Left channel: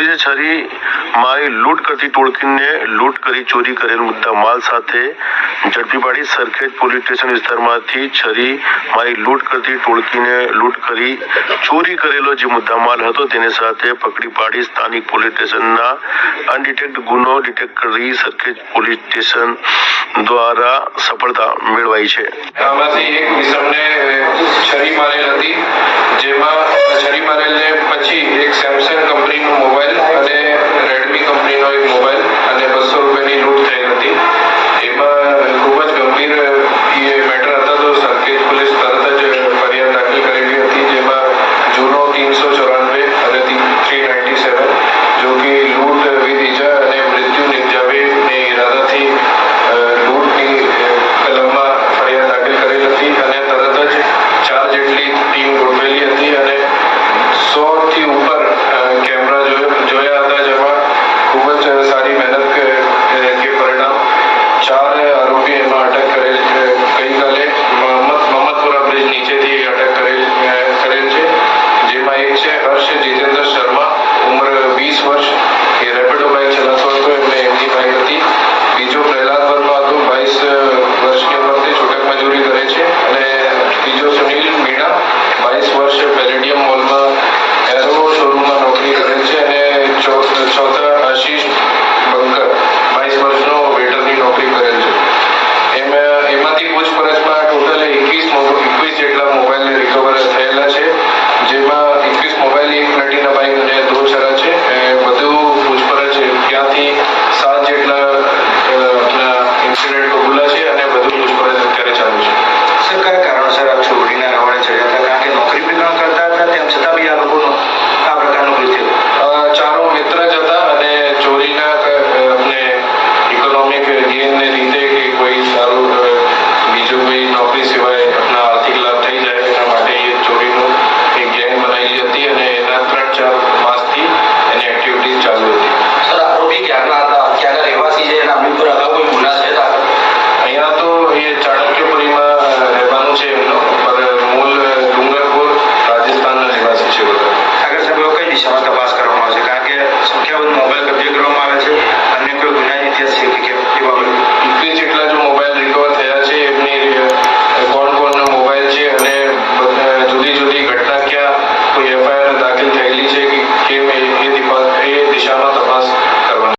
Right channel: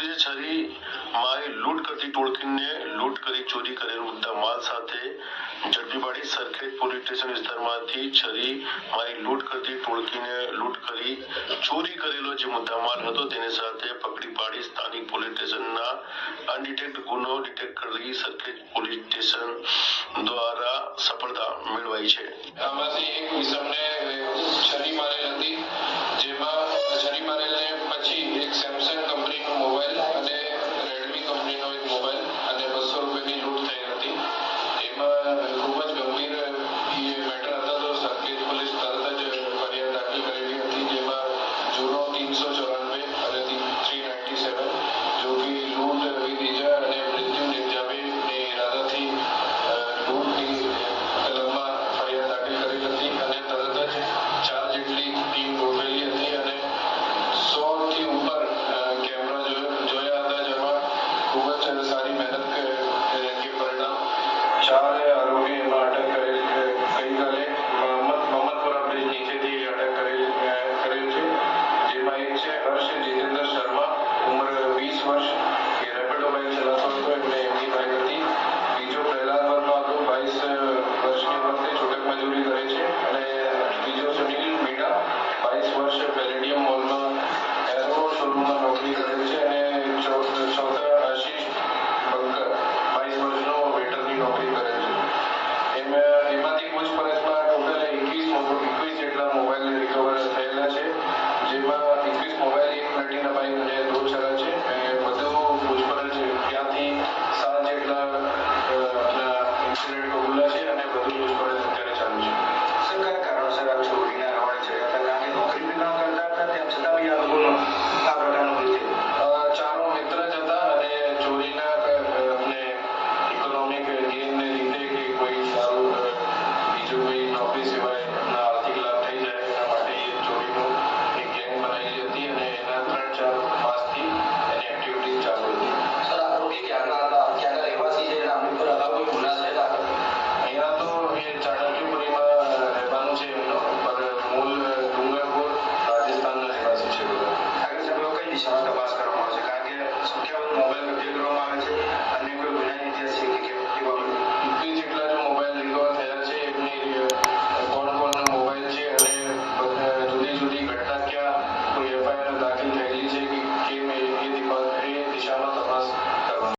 પોલીસે છરી મારી લૂંટ કરતી ટોળકીને લૂંટ કરી ચોરી કરેલ મુદ્દા માલ સાથે ઝડપી પાડી સરખેજ પોલીસ સ્ટેશન વિસ્તારમાંથી છરી મારી લૂંટ કરતી ટોળકીને લૂંટ કરી ચોરી કરેલો જે મુદ્દામાલ હતો તેને સાથે પકડી પાડી સ્થાનિક પોલીસ સ્ટેશનના અનડિટેક્ટ ગુનો ડિટેક્ટ કરી સરખેજ પોલીસ સ્ટેશન દ્વારા સફળતા મેળવાઈ છે।